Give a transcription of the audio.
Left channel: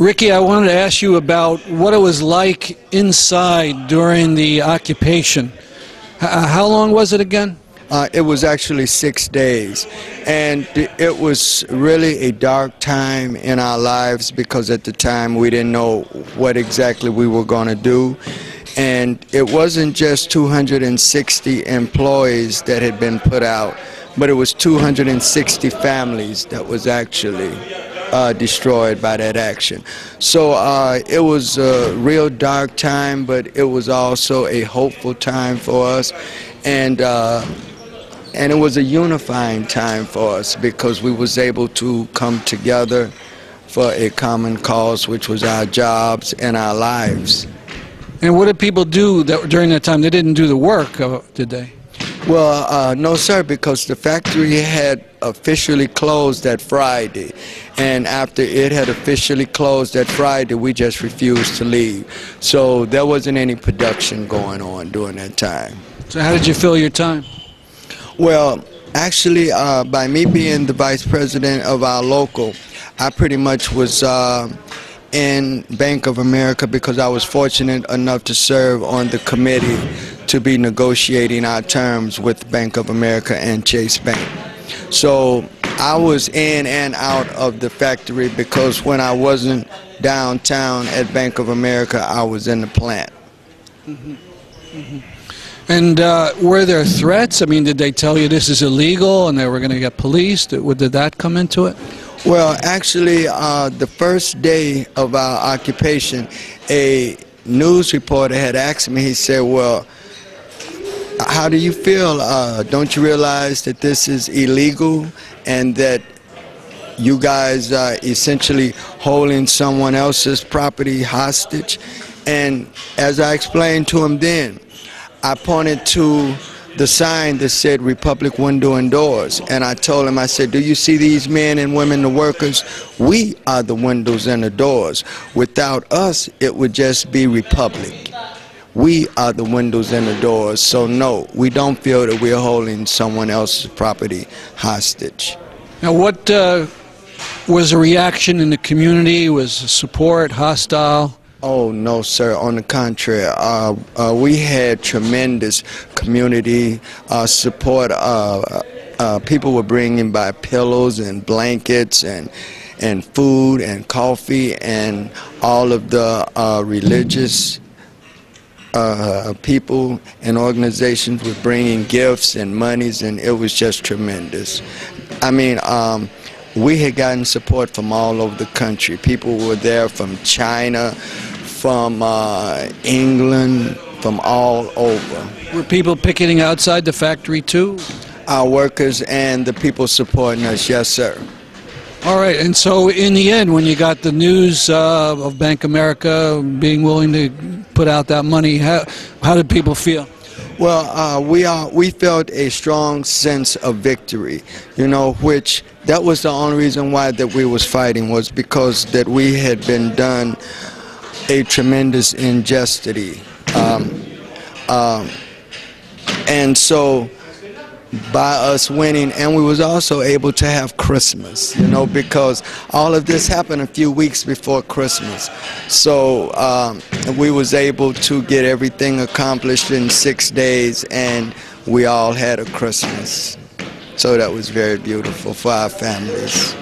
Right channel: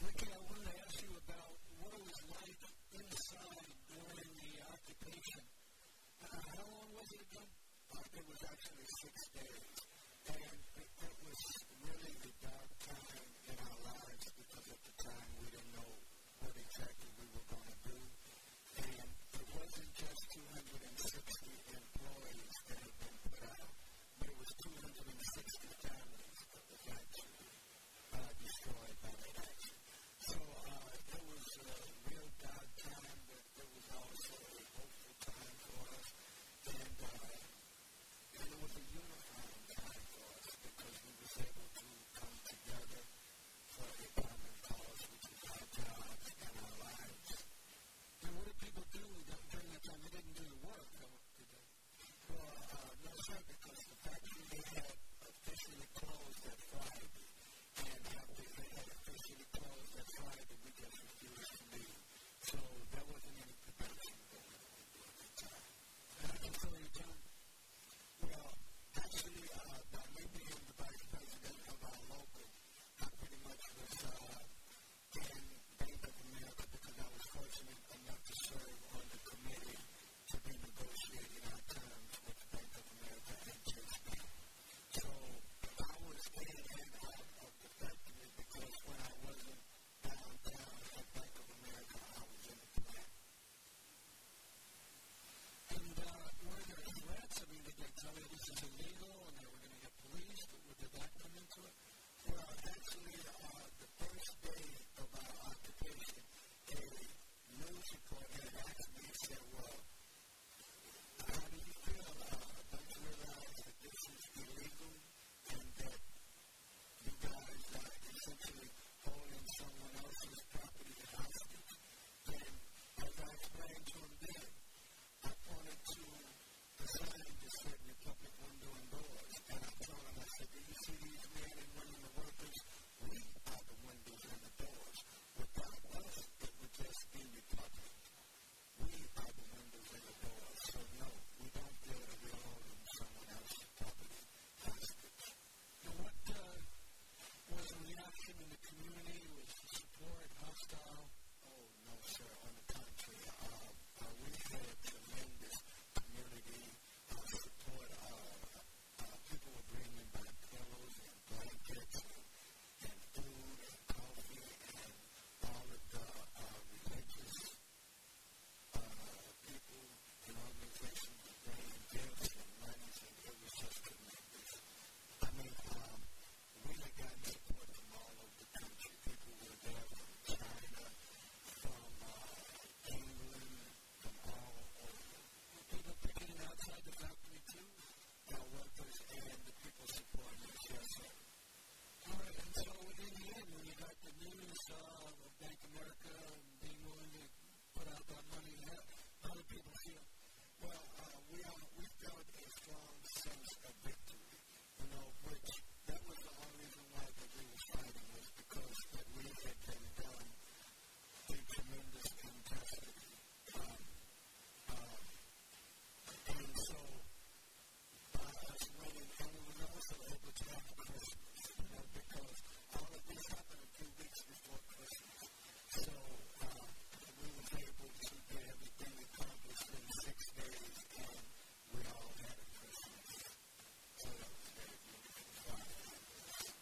Ricky, I wanted to ask you about what it was like inside during the occupation. How long was it again? It was actually 6 days, and it was really a dark time in our lives because at the time we didn't know what exactly we were going to do. And it wasn't just 260 employees that had been put out, but it was 260 families that was actually destroyed by that action. So it was a real dark time, but it was also a hopeful time for us, and it was a unifying time for us because we was able to come together for a common cause, which was our jobs and our lives. And what did people do during that time? They didn't do the work, did they? Well, no, sir, because the factory had officially closed that Friday. And after it had officially closed that Friday, we just refused to leave. So there wasn't any production going on during that time. So how did you fill your time? Well, actually, by me being the vice president of our local, I pretty much was in Bank of America because I was fortunate enough to serve on the committee to be negotiating our terms with Bank of America and Chase Bank. So I was in and out of the factory because when I wasn't downtown at Bank of America, I was in the plant. Mm-hmm. Mm-hmm. And were there threats? I mean, did they tell you this is illegal and they were going to get policed? Did that come into it? Well, actually, the first day of our occupation, a news reporter had asked me, he said, well, how do you feel? Don't you realize that this is illegal and that you guys are essentially holding someone else's property hostage? And as I explained to him then, I pointed to the sign that said Republic Window and Doors, and I told him, I said, do you see these men and women, the workers? We are the windows and the doors. Without us, it would just be Republic. We are the windows and the doors, so no, we don't feel that we're holding someone else's property hostage. Now, what was the reaction in the community? Was support, hostile? Oh, no, sir. On the contrary, we had tremendous community support. People were bringing by pillows and blankets and food and coffee, and all of the religious people and organizations were bringing gifts and monies, and it was just tremendous. I mean, we had gotten support from all over the country. People were there from China, from England, from all over. Were people picketing outside the factory too? Our workers and the people supporting us, yes, sir. All right, and so in the end, when you got the news of Bank of America being willing to put out that money, how did people feel? Well, we felt a strong sense of victory, you know, which that was the only reason why that we was fighting, was because that we had been done a tremendous injustice. And so by us winning, and we was also able to have Christmas, you know, because all of this happened a few weeks before Christmas. So we was able to get everything accomplished in 6 days, and we all had a Christmas. So that was very beautiful for our families.